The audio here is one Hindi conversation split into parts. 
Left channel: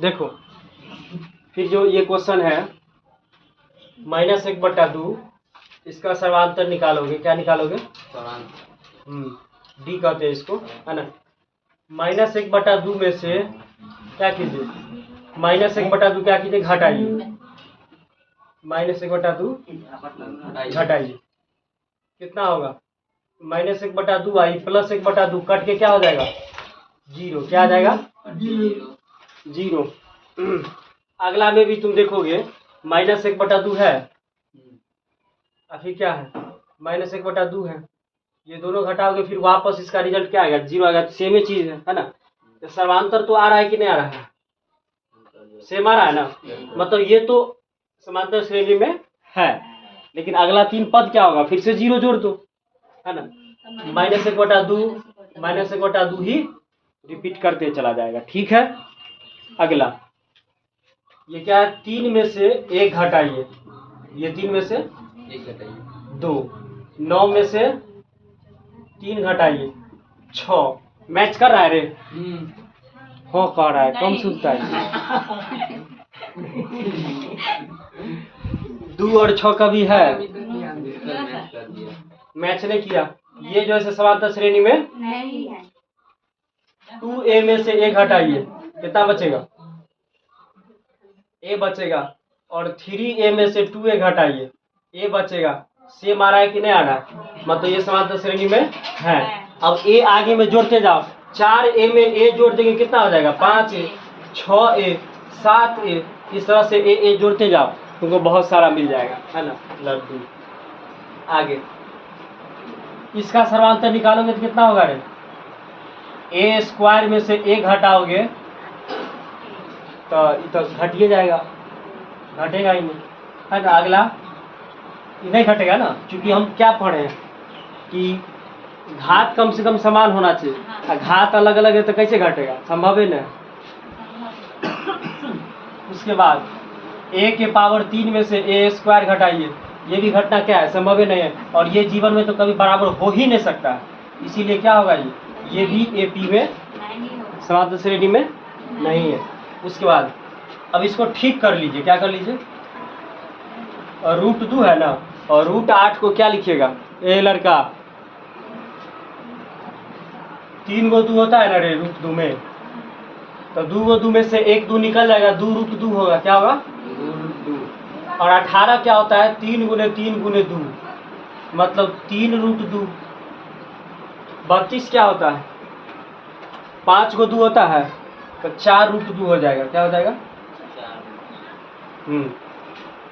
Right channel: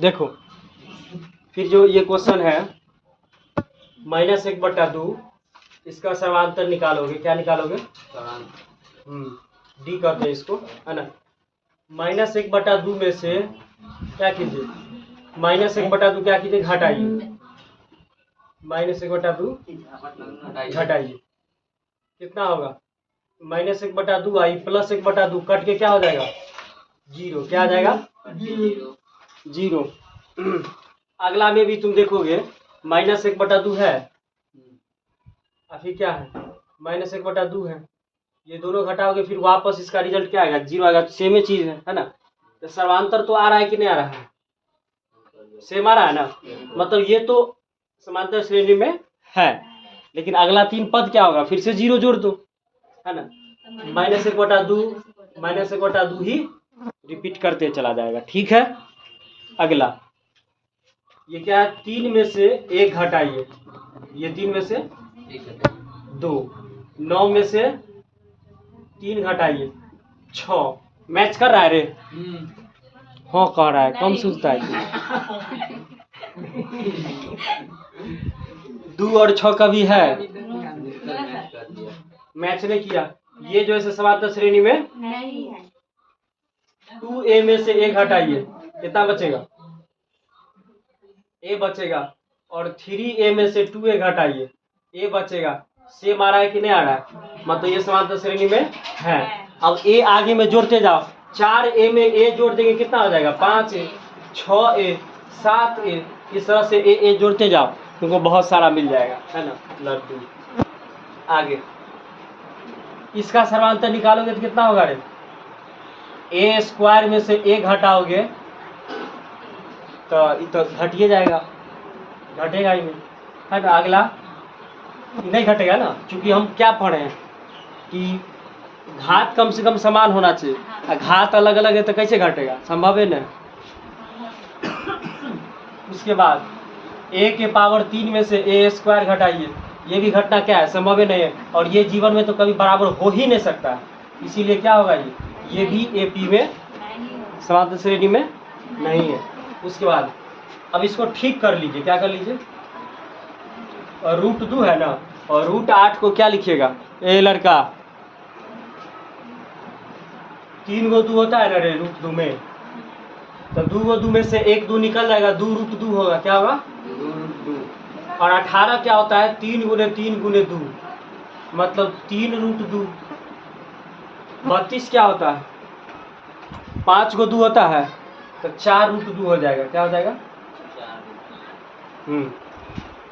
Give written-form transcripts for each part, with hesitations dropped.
देखो फिर जो ये क्वेश्चन है -1/2, इसका समांतर निकालोगे, क्या निकालोगे? डी कहते हैं इसको, है ना। -1/2 में से क्या कीजिए, -1/2 क्या कीजिए, घटाइए। -1/2 घटाइए, कितना होगा? -1/2 आई प्लस 1/2 कट के क्या हो जाएगा? 0। क्या आ जाएगा? 0। अगला में भी तुम देखोगे -1/2 है, अभी क्या है? -1/2 है। ये दोनों घटाओगे फिर वापस इसका रिजल्ट क्या आएगा? 0 आएगा। सेम ही चीज है ना। तो समांतर तो आ रहा है कि नहीं आ रहा है? सेम आ रहा है ना। मतलब ये तो समांतर श्रेणी में है, लेकिन अगला 3 पद क्या होगा? फिर से 0 जोड़ दो, है ना। -1/2 ही रिपीट करते चला जाएगा। ठीक है। अगला ये क्या है? 3 में से 1 घटाइए। ये 3 में से 2, 9 में से 3 घटाइए 6। मैच कर रहा है रे? हाँ कह रहा है, कौन सुनता है? 2 और 6 का भी है, मैच नहीं किया। ये जो है समांतर श्रेणी में नहीं है। 2a में से 1 घटाइए, कितना बचेगा? a बचेगा। और 3a में से 2a घटाइए, a बचेगा। सेम आ रहा है कि नहीं आ रहा है? मतलब ये समांतर श्रेणी में है। अब a आगे में जोड़ते जाओ। 4a में a जोड़ देंगे, कितना हो जाएगा? 5a, 6a, 7a। इस तरह से a जोड़ते जाओ, क्योंकि बहुत सारा मिल जाएगा, है ना। लड्डू। आगे इसका समांतर निकालोगे तो कितना होगा रे? a² में से 1 घटाओगे तो घटिए जाएगा, घटेगा ही नहीं, है ना। अगला नहीं घटेगा ना, क्योंकि हम क्या पढ़े हैं कि घात कम से कम समान होना चाहिए। घात अलग अलग है तो कैसे घटेगा? संभव है ना। उसके बाद a के पावर 3 में से a² घटाइए, ये भी घटना क्या है? संभव ही नहीं है। और ये जीवन में तो कभी बराबर हो ही नहीं सकता है, इसीलिए क्या होगा? ये भी AP में समांतर श्रेणी में नहीं है। उसके बाद अब इसको ठीक कर लीजिए। क्या कर लीजिए? √2 है ना, और √8 को क्या लिखिएगा? ए लड़का 3 गो 2 होता है ना रे √2 में, तो 2 गो 2 में से 1 2 निकल जाएगा, 2 √2 होगा। क्या होगा? 2 √2। और 18 क्या होता है? 3 × 3 × 2, मतलब 3 √2। 32 क्या होता है? 5 गो 2 होता है, तो 4 √2 हो जाएगा। क्या हो जाएगा?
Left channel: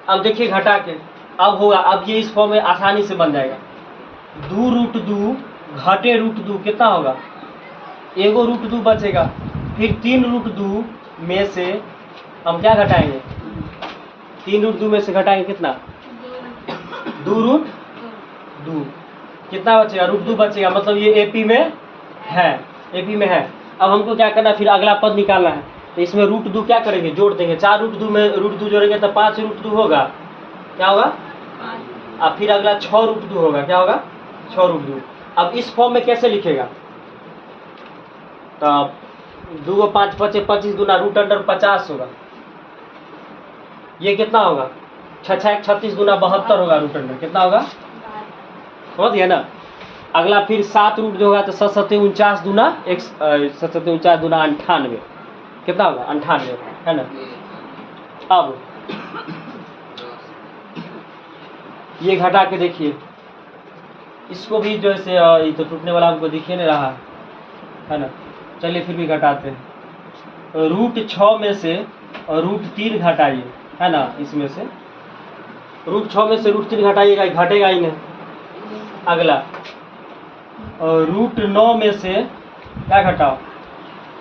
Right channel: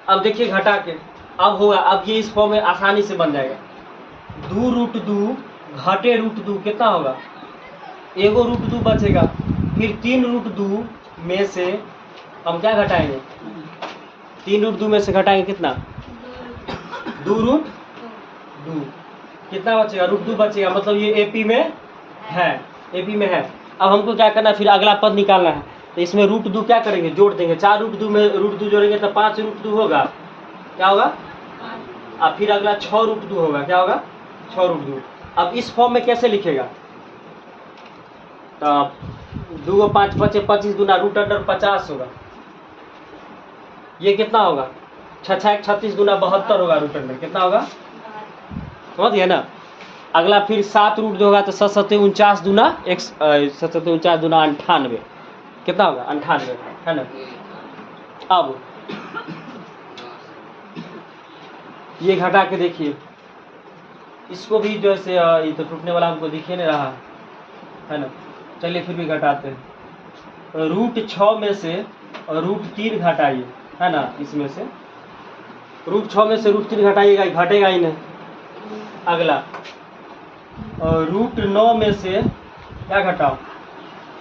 अब देखिए घटा के, अब होगा, अब ये इस फॉर्म में आसानी से बन जाएगा। 2 √2 घटे √2 कितना होगा? एगो √2 बचेगा। फिर 3 √2 में से हम क्या घटाएंगे? 3 √2 में से घटाएंगे कितना? 2 √2। कितना बचेगा? √2 बचेगा। मतलब ये AP में है, AP में है। अब हमको क्या करना है? फिर अगला पद निकालना है। तो इसमें √2 क्या करेंगे? जोड़ देंगे। 4 √2 में √2 जोड़ेंगे तो 5 √2 होगा। क्या होगा? अब फिर अगला 6 √2 होगा। क्या होगा? 6 √2। अब इस फॉर्म में कैसे लिखेगा? तो 2 5 बचे, 25 गुना √50 होगा। ये कितना होगा? 6 6 36 गुना 72 होगा। √, कितना होगा? समझ गए ना। अगला फिर 7 √2 होगा तो 7 7 49 दूना 7 7 49 दूना 98, कितना होगा? 98, है ना। अब ये घटा के देखिए, इसको भी जो है ये तो टूटने वाला हमको दिखे नहीं रहा, है ना। चलिए फिर भी घटाते हैं। √6 में से √3 घटाइए, है ना। इसमें से √6 में से √3 घटाइएगा, घटेगा ही नहीं। अगला √9 में से क्या घटाओ?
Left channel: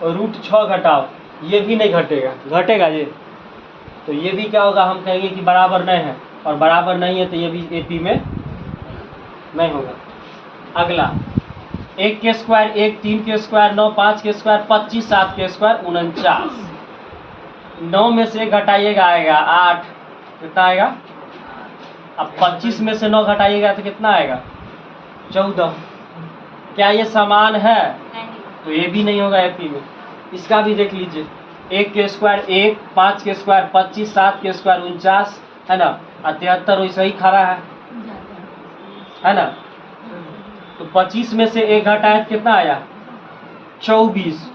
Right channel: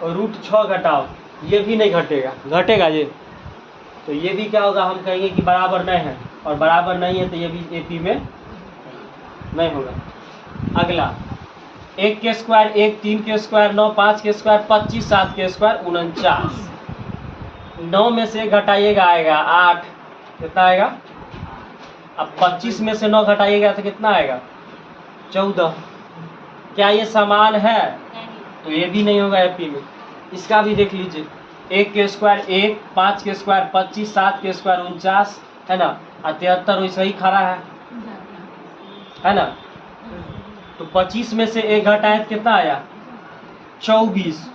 √6 घटाओ, ये भी नहीं घटेगा, घटेगा ये। तो ये भी क्या होगा? हम कहेंगे कि बराबर नहीं है, और बराबर नहीं है तो ये भी AP में नहीं होगा। अगला 1 के स्क्वायर 1, 3 के स्क्वायर 9, 5 के स्क्वायर 25, 7 के स्क्वायर 49। 9 में से घटाइएगा आएगा 8, कितना आएगा? अब 25 में से 9 घटाइएगा तो कितना आएगा? 14। क्या ये समान है? तो ये भी नहीं होगा AP में। इसका भी देख लीजिए, 1 के स्क्वायर 1, 5 के स्क्वायर 25, 7 के स्क्वायर 49, है ना, और 73 वैसे ही खड़ा है ना। तो 25 में से 1 घटाए तो कितना आया? 24।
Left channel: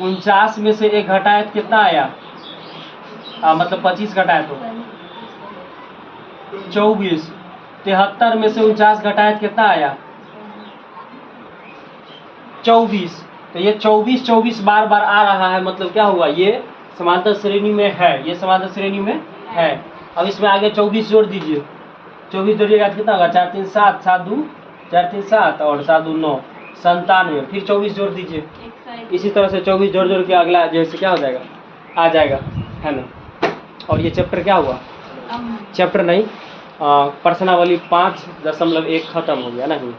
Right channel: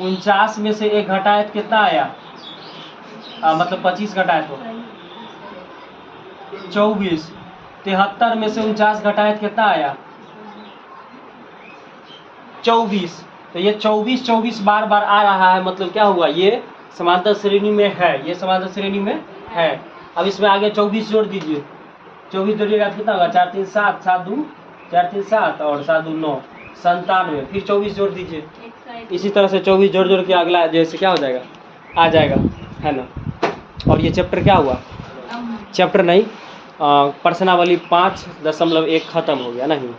49 में से 1 घटाए तो कितना आया? मतलब 25 घटाए तो 24। 73 में से 49 घटाए तो कितना आया? 24। तो ये 24 24 बार बार आ रहा है, मतलब क्या हुआ? ये समांतर श्रेणी में है, ये समांतर श्रेणी में है। अब इसमें आगे 24 जोड़ दीजिए। 24 जोड़िएगा कितना होगा? 4 3 7, 7 2 4 3 7 और 7 2 9, 97। फिर 24 जोड़ दीजिए। इसी तरह से 24 जोड़ जोड़ के अगला जैसे क्या हो जाएगा? आ जाएगा, है ना। और ये चैप्टर क्या हुआ? चैप्टर नहीं, प्रश्नावली 5.1 खत्म हो गया नहीं।